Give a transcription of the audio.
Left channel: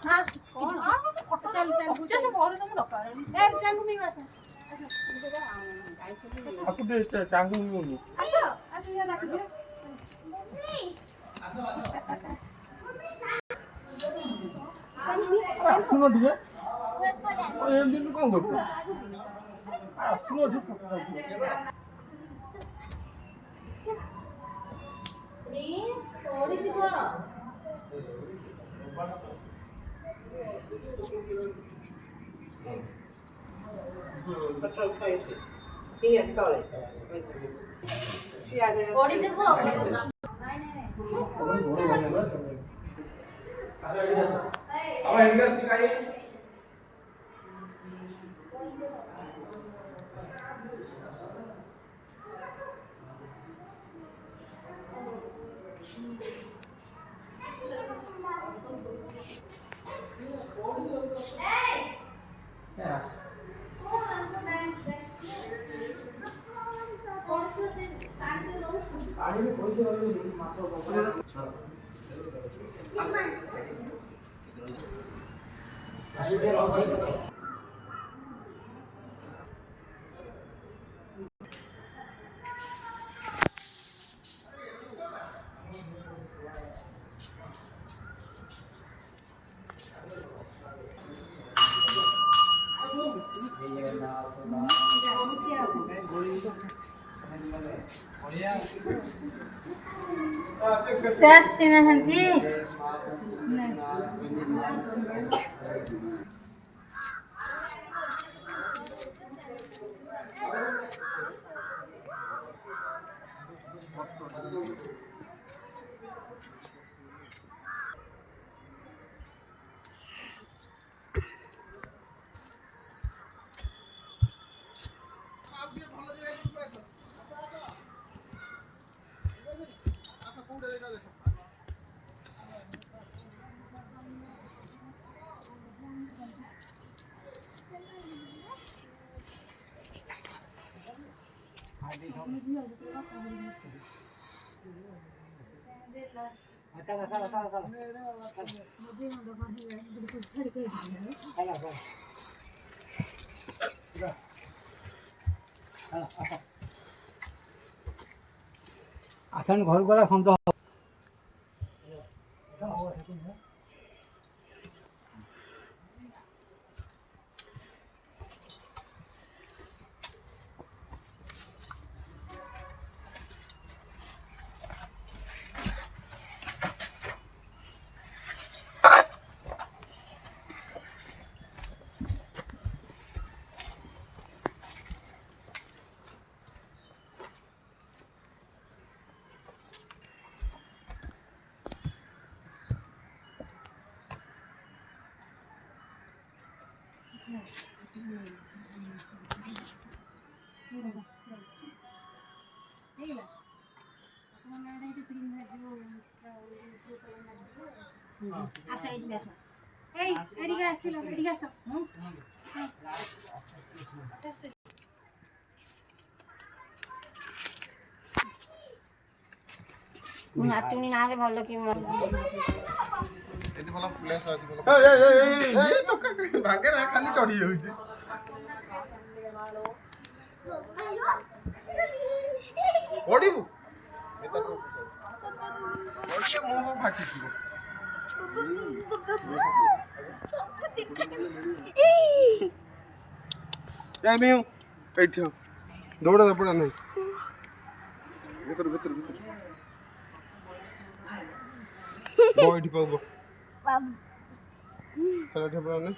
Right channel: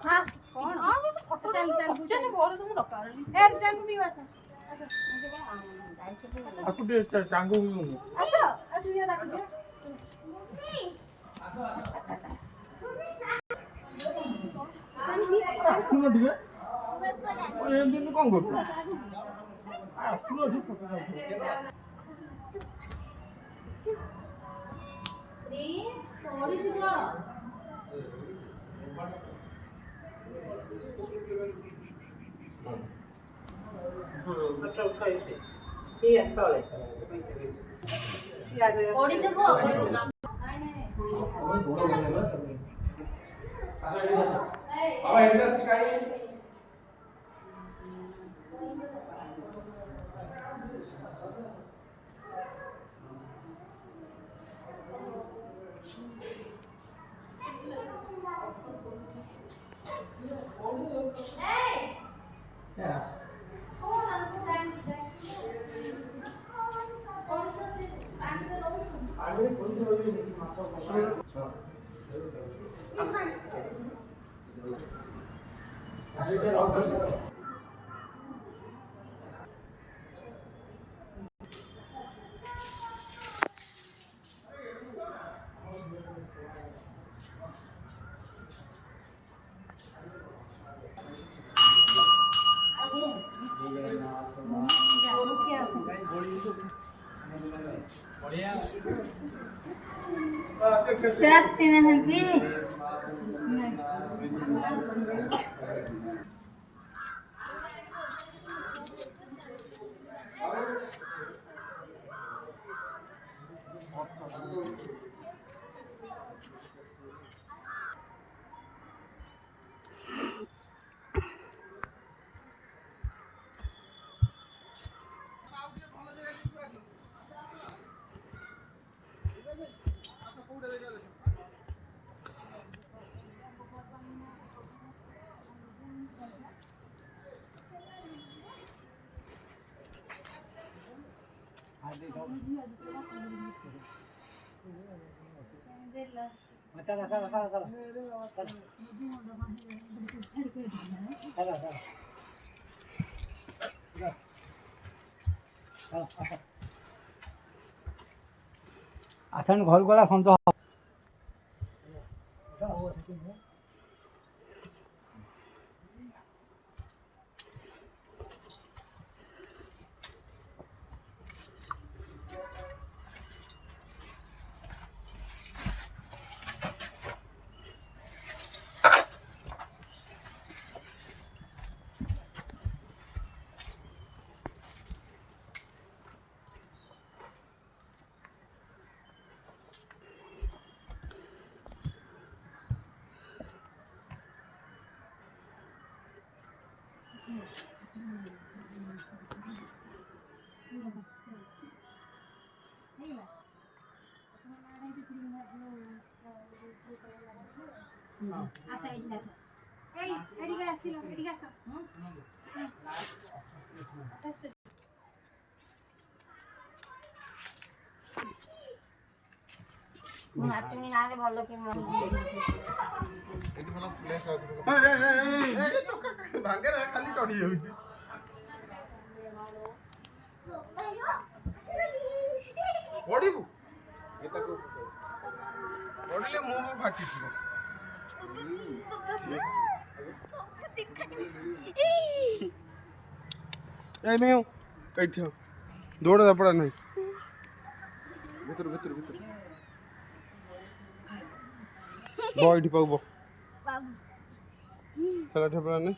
हाँ कौन चल चल चल मोर तुम डका रे ए चल मी वासा अच्छा मुझे का आपको दे टांगू भी बोलो अच्छा अच्छा ये रख दे सुनो दिया ये दिन कौन करतो सुनो ठीक प्लीज थोड़ी सी वो थोड़ी सी वो Just in a handy. आसान घर गला खंड Asa ini asa. Hey, ini guys, ini guys. তুমি না ভালো কি মন এটি ভালো প্লেস আছে এই টকা ভাগে না খালি চড়ি যাଉଛି পড়িবু এটাକୁ ওকে মুভ ফাটিছি এই মিউ এইଠି দৌড়া পড়া নাই ভিতর ভিতর ভিতর বইটি পাবো খেলা ঠেপড়া নেই